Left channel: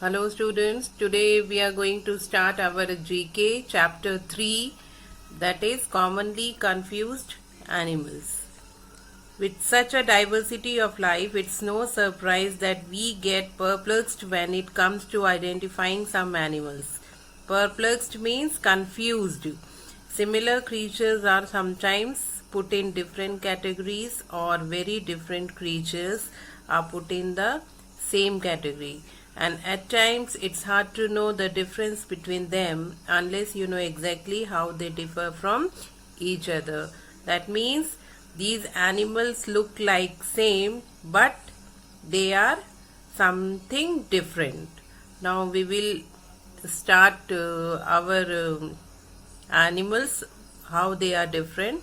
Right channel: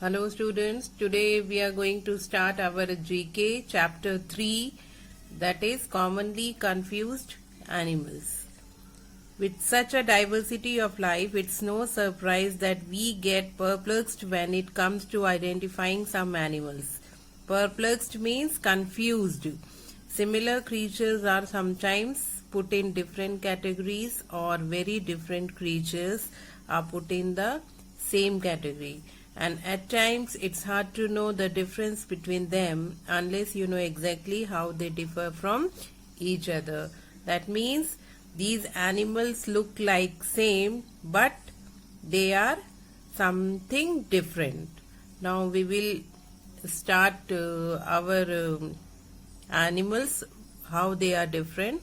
Hello students, today we are going to start our GK chapter 3, that is commonly confused animals. With such a diversity of life, it's no surprise that we get perplexed when it comes to identifying some animals. Perplexed means confused. Similar creatures are sometimes put in different categories, or very different creatures are put in the same category, and at times it's hard to know the difference between them unless you know exactly how they differ from each other. That means these animals look like same, but they are something different. Now we will start our animals, how they are different.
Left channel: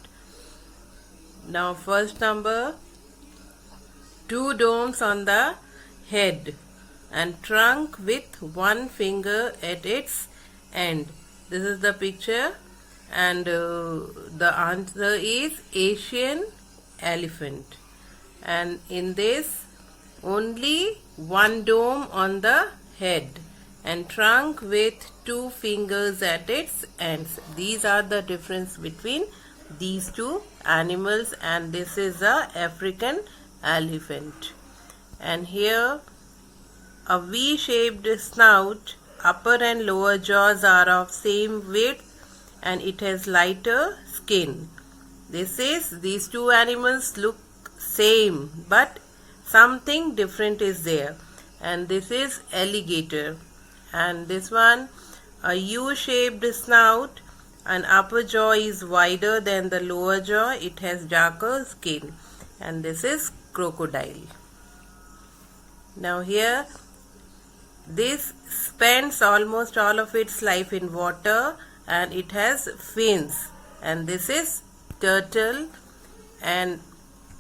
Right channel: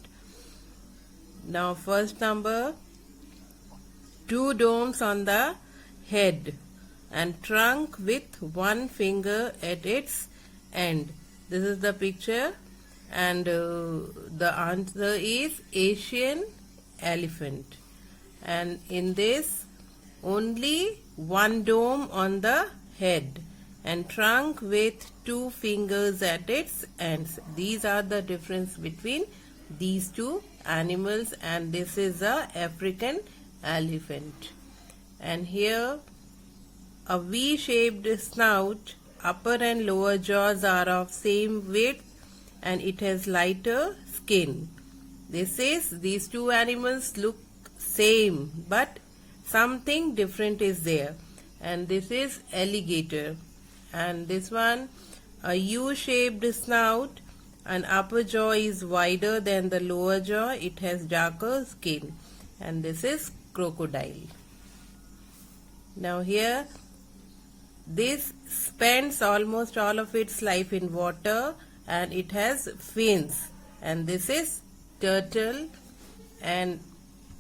Now first number, two domes on the head and trunk with one finger at its end. This is the picture, and the answer is Asian elephant. And in this, only one dome on the head and trunk with two fingers at its ends. These are the difference between these two animals, and this is a African elephant. And here, a V-shaped snout, upper and lower jaws are of same width, and it has lighter skin. These two animals look same, but something different is there. And this is alligator. And this one, a U-shaped snout, and upper jaw is wider than the lower jaw. It has darker skin. And this is crocodile. Now here, this spends almost all of its life in water, and it has fins. And this is turtle, and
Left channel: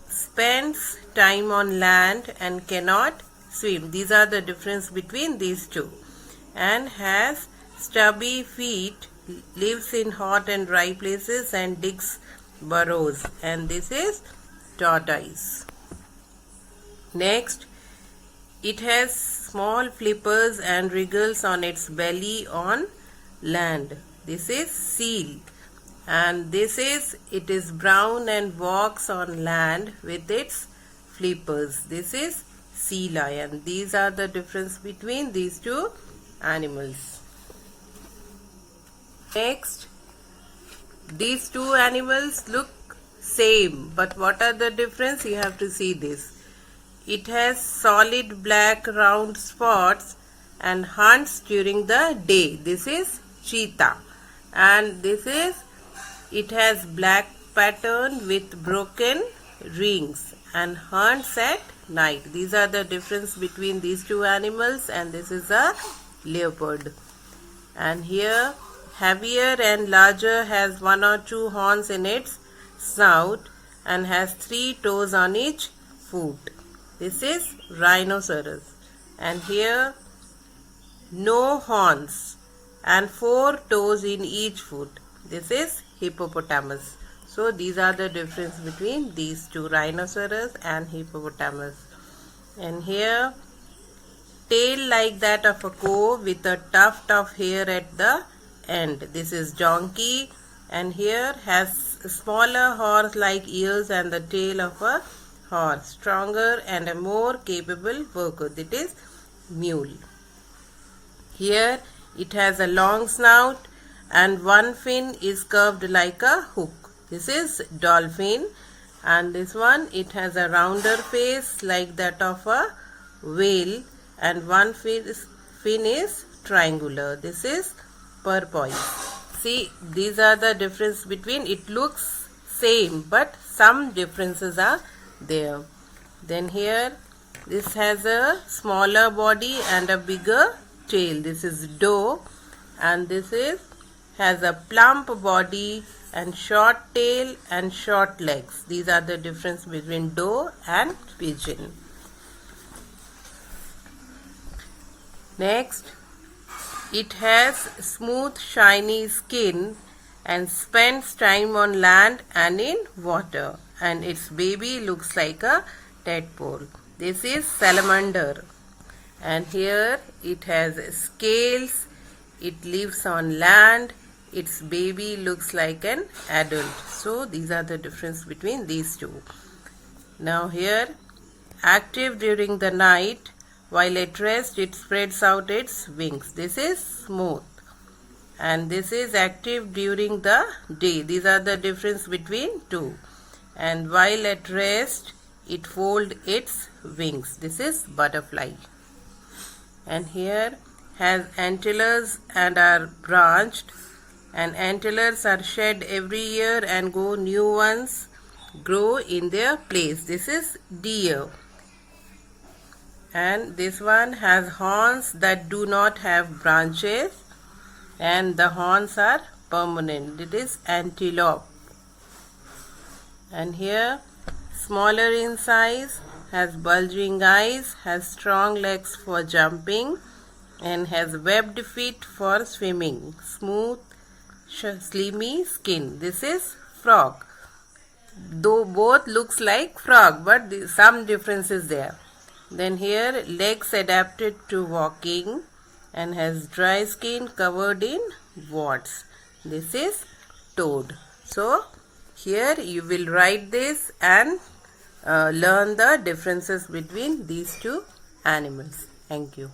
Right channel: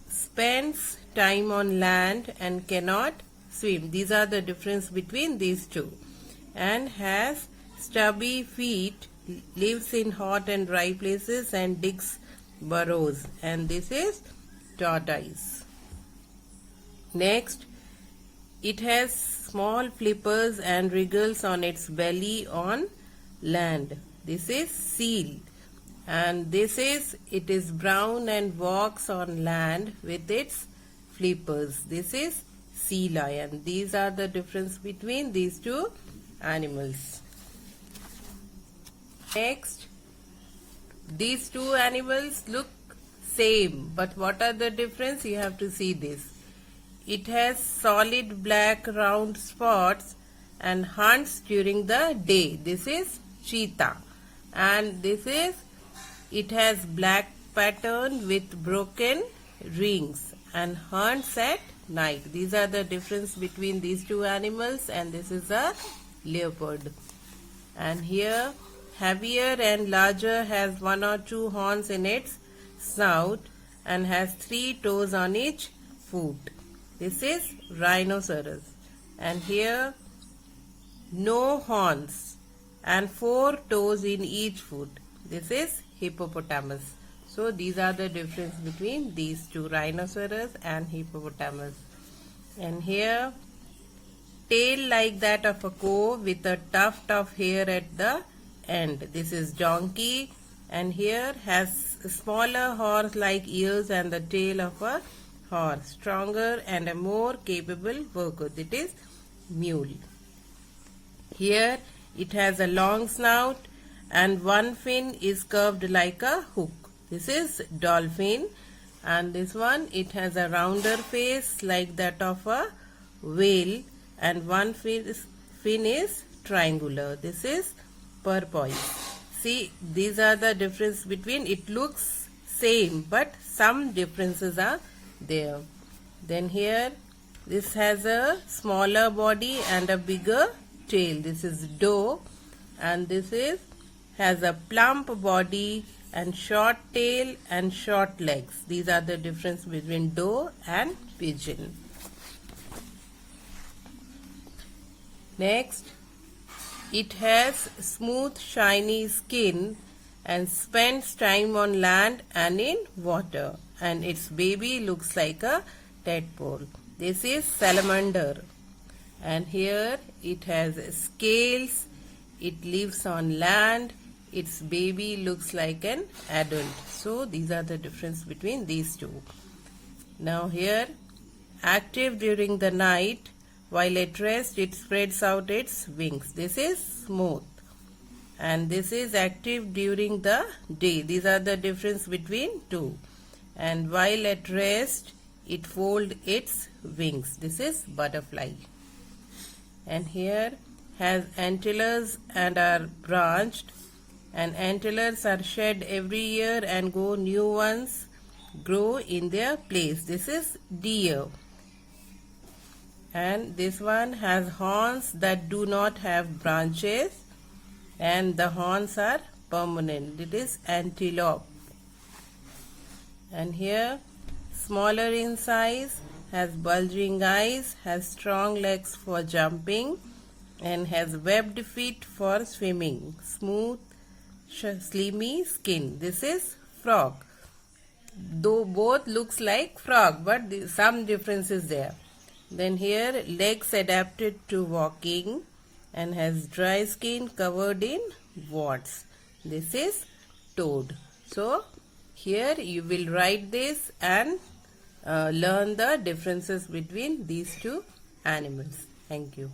spends time on land and cannot swim. These are the difference between these two. And has stubby feet, lives in hot and dry places and digs burrows. And this is tortoise. Next, it has small flippers and wriggles on its belly on land. This is seal. And it is brown and walks on land with its flippers. This is sea lion. These are the difference between these two animals. Next, these two animals look same, but what are the difference? You have to see this. It has solid black round spots and hunts during the day. This is cheetah. And it has black pattern with broken rings and hunts at night. These are the difference between these two animals, and this is a leopard. And here, heavier and larger, has one or two horns in its snout and has 3 toes on each foot. This is rhinoceros. And here, no horns and 4 toes in each foot. This is hippopotamus. So these are the difference between these two, rhinoceros and hippopotamus. And here, tail like that of a cow with a tuft of hair at the end. This is donkey. And here has smaller horse-like ears and the tail of a horse, stronger and a more capable worker. That is mule. Here it has a long snout and one fin is curved like a hook. This is dolphin. And this one, it has a rounder face like that of a whale, and one fin is triangular. This is porpoise. See, these are the difference between, it looks same, but some differences are there. Then here, this has a smaller body and a bigger tail. This is doe, and has a plump body and short tail and short legs. These are the difference between doe and pigeon. Next, it has smooth shiny skin and spends time on land and in water, and its baby looks like a tadpole. This is salamander. and here it has scales. It lives on land. Its baby looks like an adult. So these are the difference between these two. Now here, active during the night, while at rest it spreads out its wings. This is smooth. And this is active during the day. These are the difference between two. And while at rest it folds its wings. This is butterfly. And here has antlers and are branched, and antlers are shed every year and new ones grow in their place. This is deer. And this one has horns that do not have branches, and the horns are permanent. It is antelope. And here, smaller in size, has bulging eyes, has strong legs for jumping, and has webbed feet for swimming. Smooth, slimy skin. This is frog. Though both looks like frog, but some difference is there. Then here, legs adapted to walking, and has dry skin covered in warts. This is toad. So here you will write this and learn the differences between these two animals. Thank you.